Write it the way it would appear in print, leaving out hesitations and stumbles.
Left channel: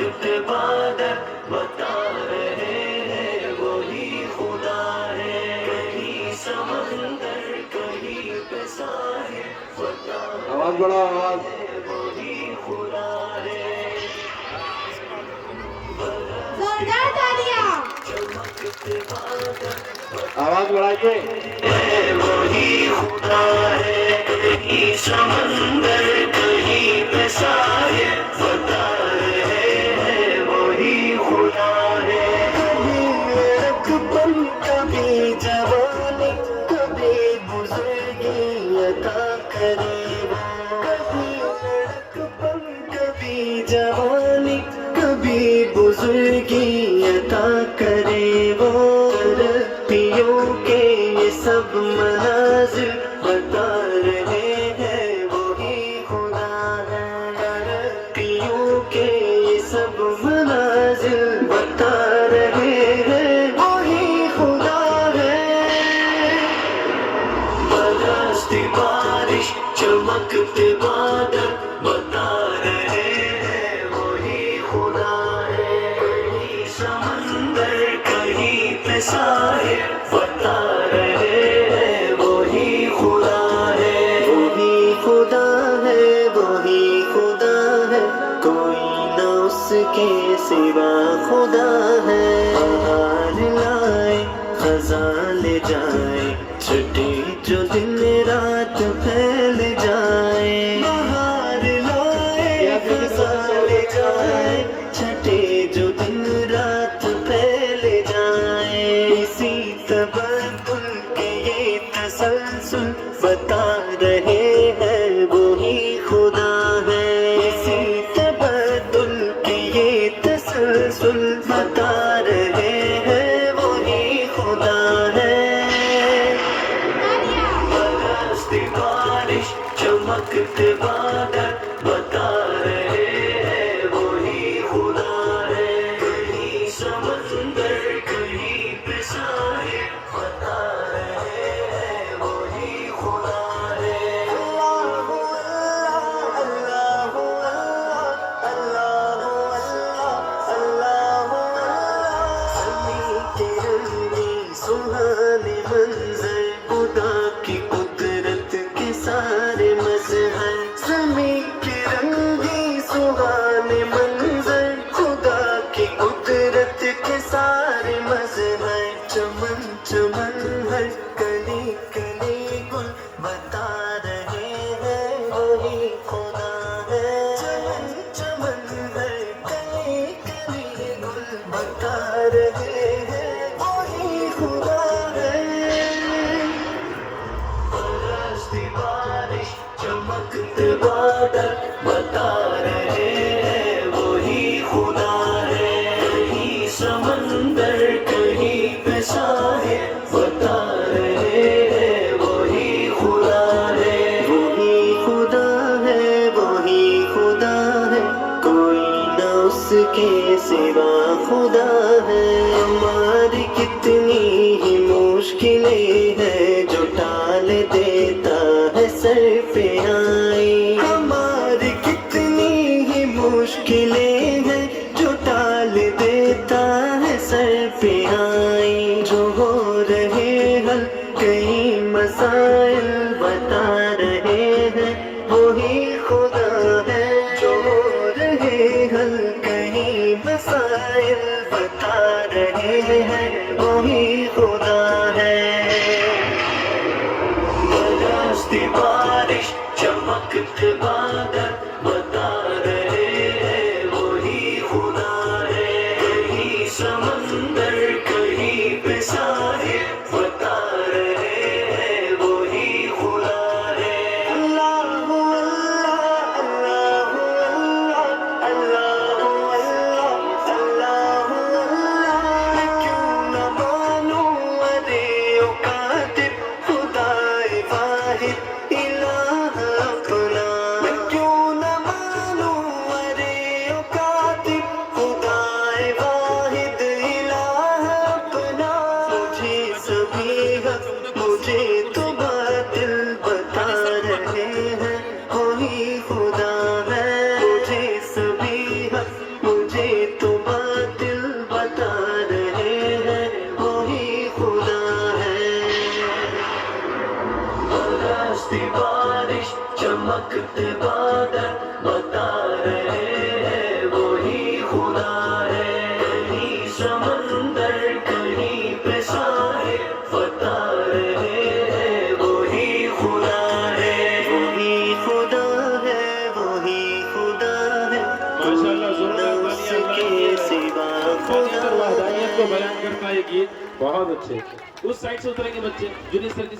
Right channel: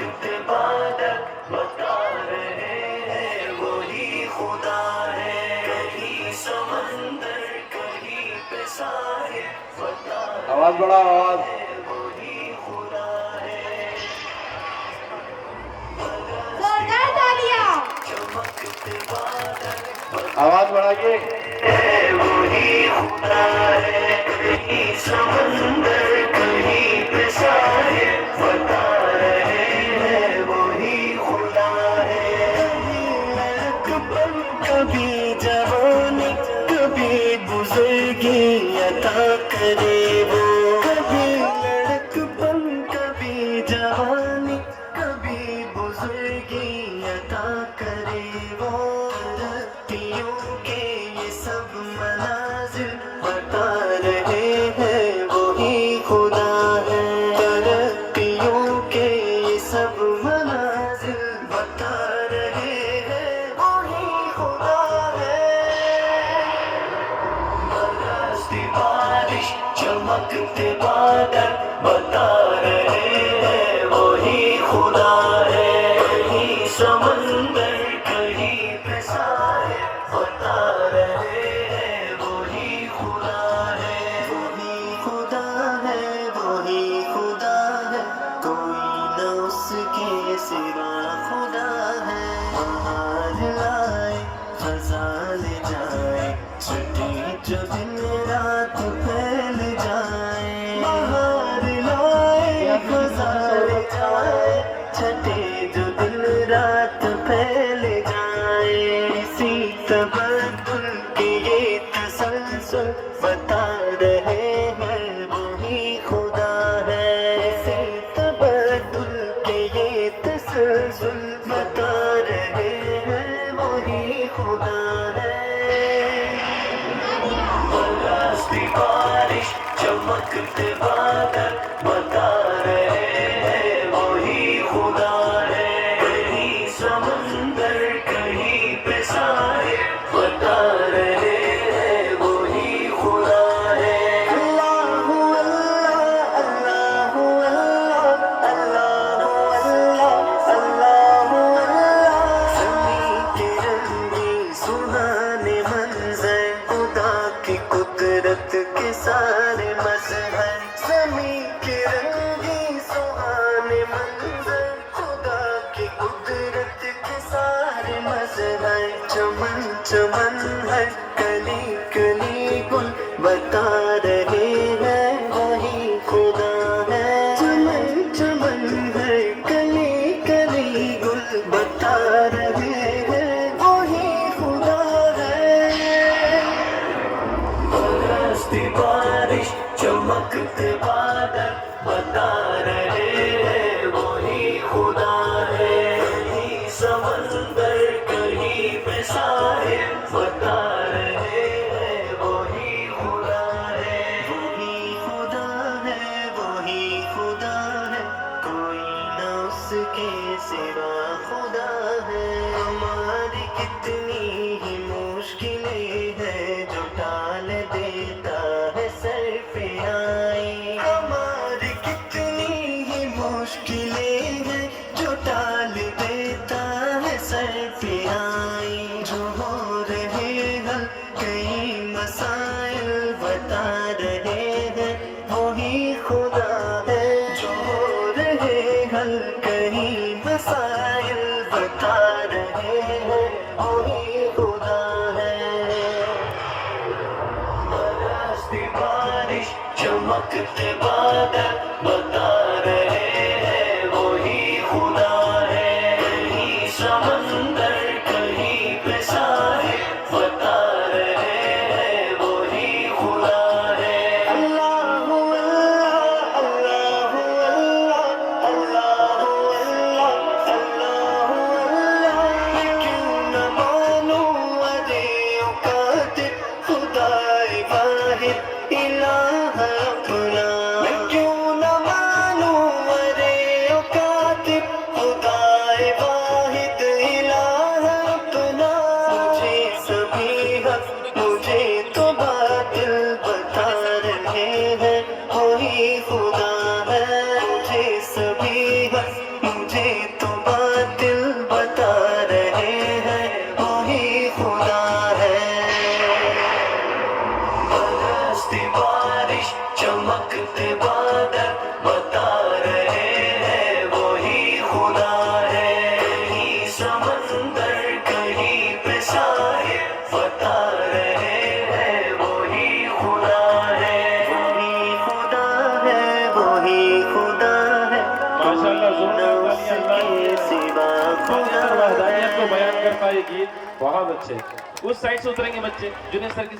वक्त इबादत बता रहे हैं वही खुदा है। कहीं समंदर कहीं पे साहिल बता आवाज बढ़ाओ, आवाज। वही खुदा है। जोरदार तालियां। वक्त इबादत आवाज बढ़ाइए। वही खुदा है। कहीं समंदर कहीं पे साहिल बता रहे हैं वही खुदा है। कहीं लड़कपन कभी जवानी कभी बुजुर्गी अता करे वो। कभी लड़कपन कभी जवानी कभी बुजुर्गी अता करे वो। तरक्कियों के ये सब मनाजिर बता रहे हैं वही खुदा है। तरक्कियों के ये सब मनाजिर बता रहे हैं वही खुदा है। बरसती बारिश चमकते बादल बता रहे हैं वही खुदा है। कहीं समंदर कहीं पे साहिल बता रहे हैं वही खुदा है। वही खुदा है, वही खुदा है, कोई न उसके सिवा खुदा है। बहार लाए खज़ां ले जाए, छुट्टी जो दिन रात फैल जाए। बहार लाए खज़ां ले जाए, छठे जो दिन रात फैल जाए। इसी तबद्दुल के ये तसलसल बता रहे हैं वही खुदा है। इसी तबद्दुल के ये तसलसल बता रहे हैं वही खुदा है। बरसती बारिश चमकते बादल बता रहे हैं वही खुदा है। कहीं समंदर कहीं पे साहिल बता रहे हैं वही खुदा है। अल्लाहु अल्लाह अल्लाहु अल्लाह अल्लाहु अल्लाह अल्लाहु अल्लाह। ज़मीं के रंगी सुहाने मंज़र खुदा की कुदरत के सारे मज़हर। ज़मीं के रंगी सुहाने मंज़र खुदा की कुदरत के सारे मज़हर। चमन चमन है कली कली गुल बता रहे हैं वही खुदा है। चमन चमन है कली कली गुल बता रहे हैं वही खुदा है। बरसती बारिश चमकते बादल बता रहे हैं वही खुदा है। कहीं समंदर कहीं पे साहिल बता रहे हैं वही खुदा है। वही खुदा है, वही खुदा है, कोई न उसके सिवा खुदा है। हमारी कितनी ही मुश्किलें हैं जो टाल देता है सर पे आई। हमारी कितनी ही मुश्किलें हैं जो टाल देता है सर पे आई। जो हो रहे हल कई मसाइल बता रहे हैं वही खुदा है। जो हो रहे हल कई मसाइल बता रहे हैं वही खुदा है। बरसती बारिश चमकते बादल बता रहे हैं वही खुदा है। कहीं समंदर कहीं पे साहिल बता रहे हैं वही खुदा है। अल्लाहु अल्लाह अल्लाहु अल्लाह अल्लाहु अल्लाह अल्लाहु अल्लाह। मैं क्यों न मानूं अरे ओ कातिब खुदाए वाहिद इलाह अपना। मैं क्यों न मानूं अरे ओ कातिब खुदाए वाहिद इलाह अपना। मुझे सभी हक मुझे तो बातिल बता रहे हैं वही खुदा है। मुझे सभी हक मुझे बरसती बारिश चमकते बादल बता रहे हैं वही खुदा है। कहीं समंदर कहीं पे साहिल बता रहे हैं वही खुदा है। वही खुदा है, वही खुदा है। माशाल्लाह, जोरदार तालियां अल्लाह की है। सिवा अपने खुदा अंदर वहदानियत को है। बयान करता है ये गीत बहुत अच्छे। उस साइड से उतरेंगे बच्चे, जुनेद सर की साइड